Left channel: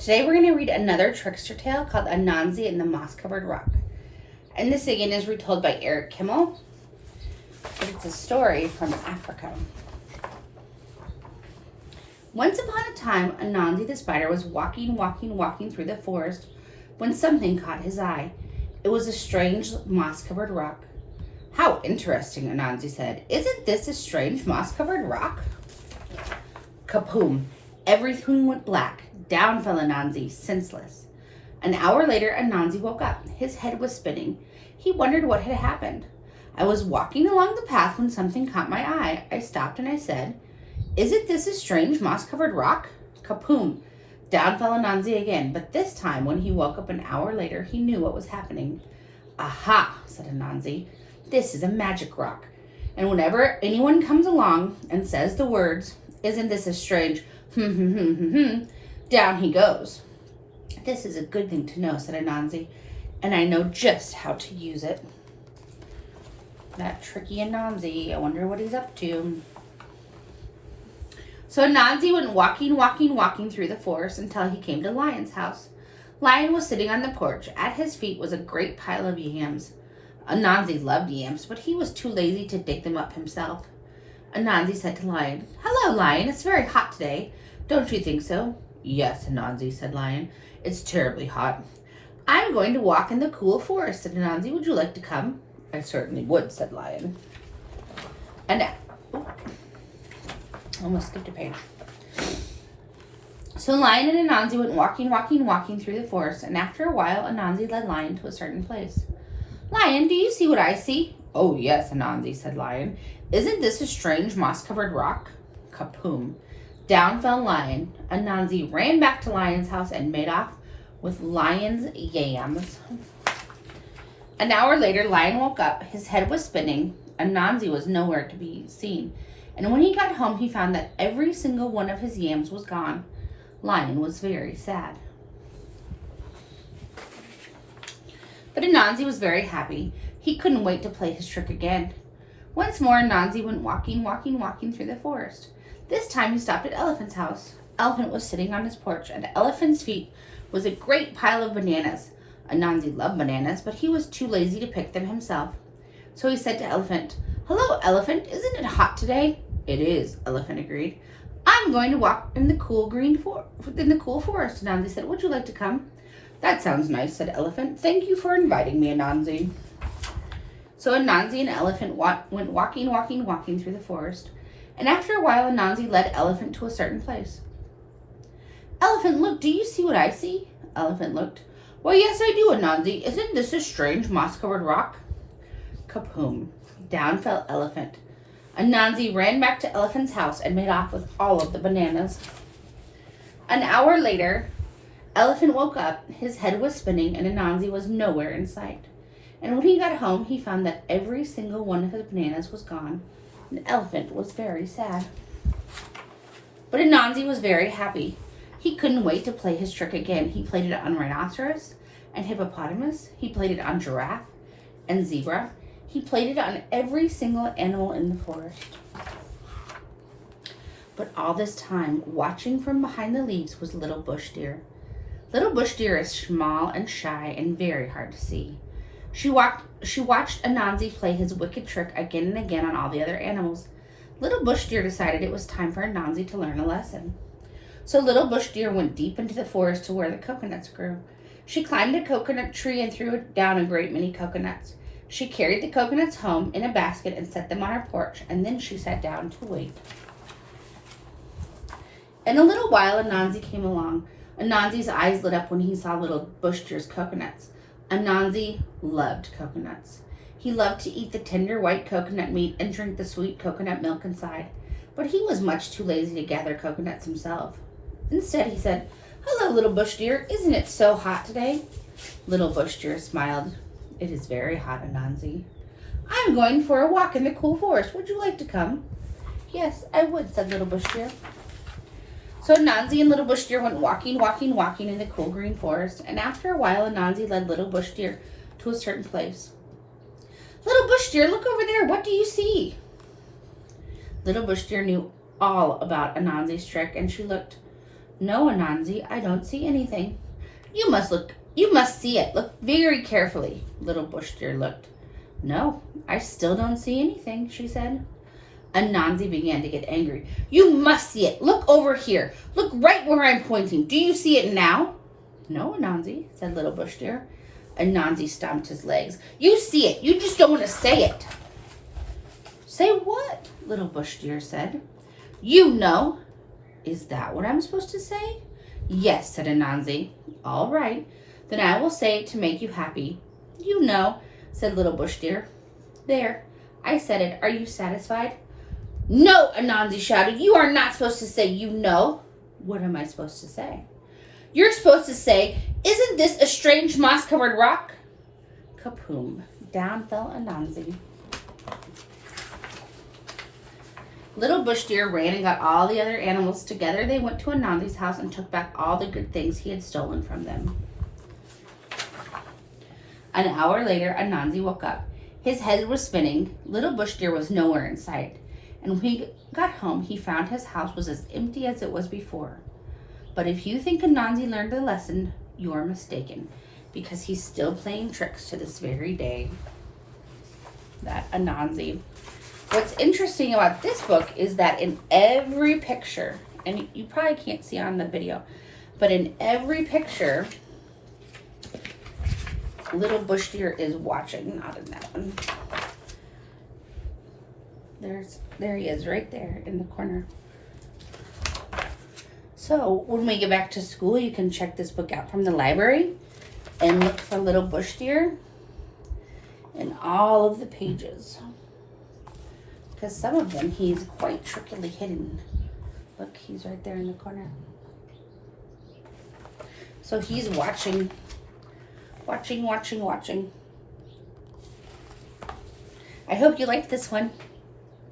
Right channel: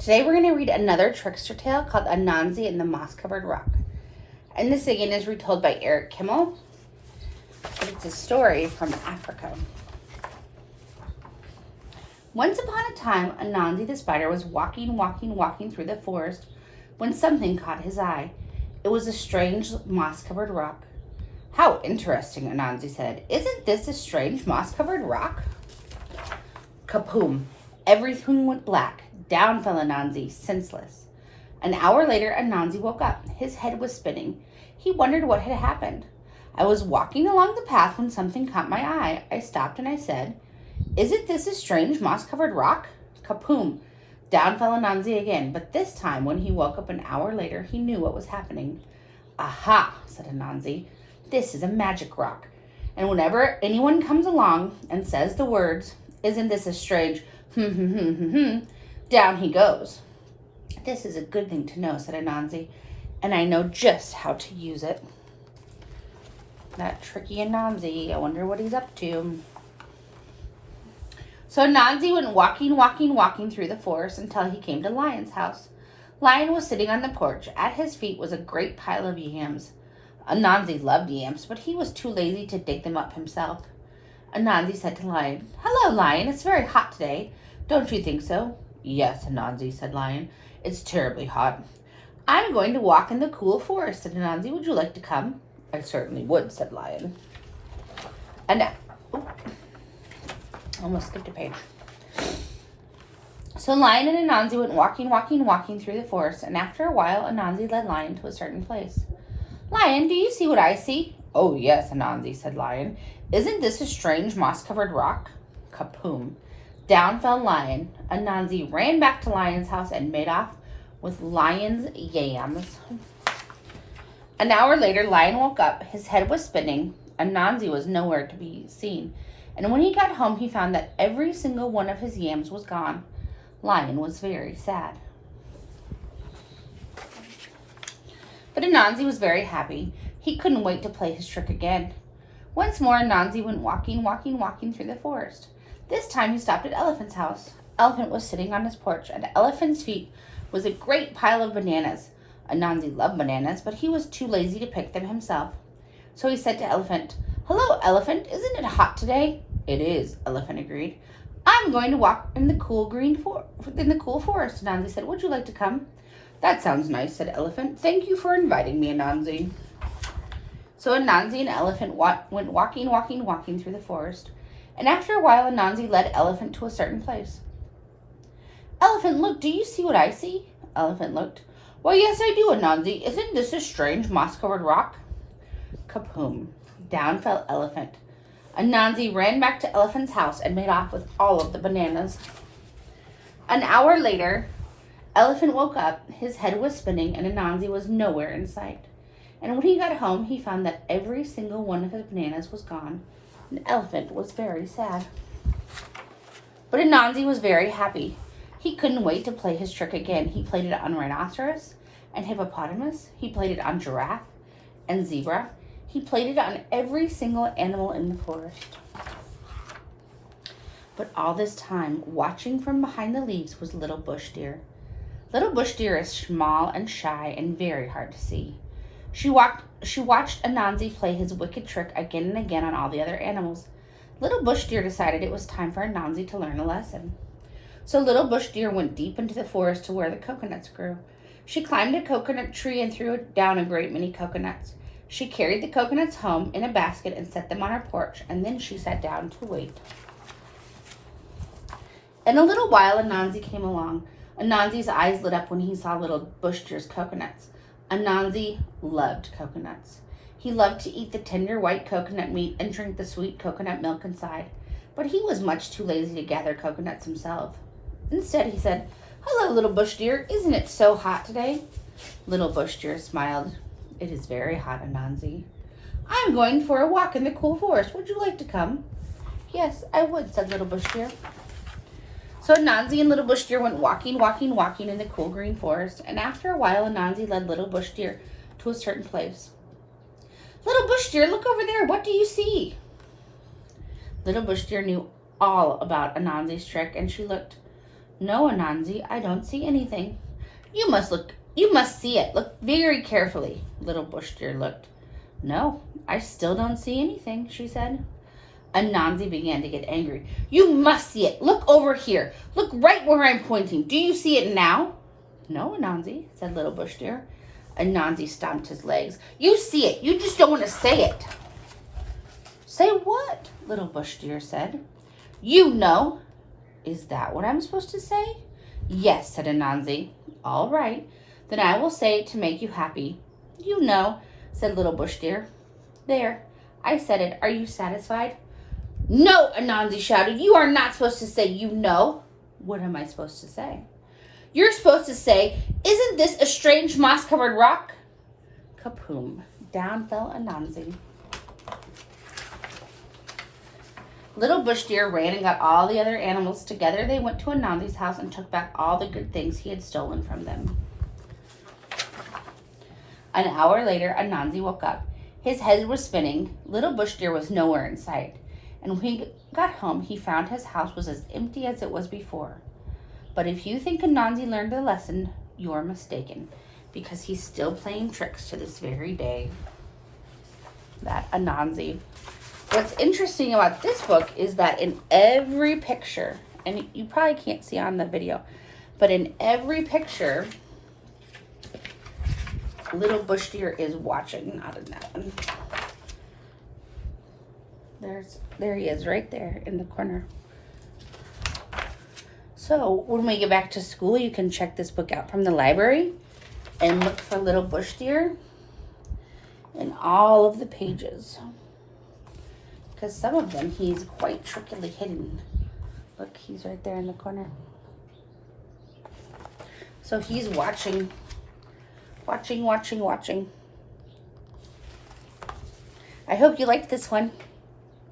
Today we're going to read another trickster tale called Anasi and the Moss-Covered Rock. And this again is retold by Eric Kimmel, but it's a story from Africa. Once upon a time, Anasi the spider was walking through the forest when something caught his eye. It was a strange moss-covered rock. "How interesting," Anasi said. "Isn't this a strange moss-covered rock?" Kapoom! Everything went black. Down fell Anasi, senseless. An hour later, Anasi woke up. His head was spinning. He wondered what had happened. "I was walking along the path when something caught my eye. I stopped and I said, 'Isn't this a strange moss-covered rock?' Kapoom! Down fell Anasi again, but this time, when he woke up an hour later, he knew what was happening. 'Aha,' said Anasi, 'this is a magic rock. And whenever anyone comes along and says the words, "Isn't this a strange down he goes.'" "This is a good thing to know," said Anasi, "and I know just how to use it." That tricky Anasi, I wonder what he's up to. So Anasi went walking through the forest until he came to Lion's house. Lion was sitting on the porch. At his feet was a great pile of yams. Anasi loved yams, but he was too lazy to dig them up himself. Anasi said to Lion, "Hello, Lion, it's very hot today. Don't you think so?" "Yes, Anasi," said Lion. "It's terribly hot." "I'm going to walk in the cool forest," said Anasi. "Would you like to come?" "I certainly would," said Lion. And almost skipped a page. So Lion and Anasi went walking through the forest, and after a while, Anasi led Lion to a certain place. "Lion, do you see what I see?" "Oh, yes, Anasi," said Lion. "Isn't this a strange moss-covered rock?" Kapoom! Down fell Lion. Anasi ran back to Lion's house and made off with Lion's yams. An hour later, Lion woke up. His head was spinning. Anasi was nowhere to be seen. And when he got home, he found that every single one of his yams was gone. Lion was very sad. But Anasi was very happy. He couldn't wait to play his trick again. Once more, Anasi went walking through the forest. This time he stopped at Elephant's house. Elephant was sitting on his porch. At Elephant's feet was a great pile of bananas. Anasi loved bananas, but he was too lazy to pick them himself. So he said to Elephant, "Hello, Elephant, isn't it hot today?" "It is," Elephant agreed. "I'm going to walk in the cool forest," Anasi said. "Would you like to come?" "That sounds nice," said Elephant. "Thank you for inviting me, Anasi." So Anasi and Elephant went walking through the forest. And after a while, Anasi led Elephant to a certain place. "Elephant, look, do you see what I see?" Elephant looked. "Why, yes, I do, Anasi. Isn't this a strange moss-covered rock?" Kapoom! Down fell Elephant. Anasi ran back to Elephant's house and made off with all of the bananas. An hour later, Elephant woke up. His head was spinning and Anasi was nowhere in sight. And when he got home, he found that every single one of his bananas was gone. And Elephant was very sad. But Anasi was very happy. He couldn't wait to play his trick again. He played it on rhinoceros and hippopotamus. He played it on giraffe and zebra. He played it on every single animal in the forest. But all this time, watching from behind the leaves was Little Bush Deer. Little Bush Deer is small and shy and very hard to see. She watched Anasi play his wicked trick again and again on all the other animals. Little Bush Deer decided it was time for Anasi to learn a lesson. So Little Bush Deer went deep into the forest to where the coconuts grew. She climbed a coconut tree and threw down a great many coconuts. She carried the coconuts home in a basket and set them on her porch, and then she sat down to wait. In a little while, Anasi came along. Anasi's eyes lit up when he saw Little Bush Deer's coconuts. Anasi loved coconuts. He loved to eat the tender white coconut meat and drink the sweet coconut milk inside, but he was much too lazy to gather coconuts himself. Instead, he said, "Hello, Little Bush Deer, isn't it so hot today?" Little Bush Deer smiled. "It is very hot, Anasi." "I'm going for a walk in the cool forest. Would you like to come?" "Yes, I would," said Little Bush Deer. So Anasi and Little Bush Deer went walking in the cool green forest, and after a while, Anasi led Little Bush Deer to a certain place. "Little Bush Deer, look over there. What do you see?" Little Bush Deer knew all about Anasi's trick, and she looked. No, Anansi, I don't see anything. You must see it. Look very carefully. Little bush deer looked. No, I still don't see anything, she said. Anansi began to get angry. You must see it. Look over here. Look right where I'm pointing. Do you see it now? No, Anansi, said Little Bush Deer. Anansi stomped his legs. You see it. You just don't want to say it. Say what? Little Bush Deer said. You know. Is that what I'm supposed to say? Yes, said Anansi. All right. Then I will say it to make you happy. You know, said Little Bush Deer. There. I said it. Are you satisfied? No, Anansi shouted. You are not supposed to say you know. What am I supposed to say? You're supposed to say, isn't this a strange moss-covered rock? Kapoom! Down fell Anansi. Little Bush Deer ran and got all the other animals together. They went to Anansi's house and took back all the good things he had stolen from them. An hour later, Anansi woke up. His head was spinning. Little Bush Deer was nowhere in sight. And when he got home, he found his house was as empty as it was before. But if you think Anansi learned a lesson, you're mistaken, because he's still playing tricks to this very day. That Anansi. What's interesting about this book is that in every picture, and you probably can't see on the video, but in every picture, Little Bush Deer is watching. Not in that one. There he is, right there in the corner. So when we get back to school, you can check this book out from the library and look for Little Bush Deer in all of the pages. Because some of them he's quite trickily hidden. Look, he's right there in the corner. So he's watching. I hope you liked this one.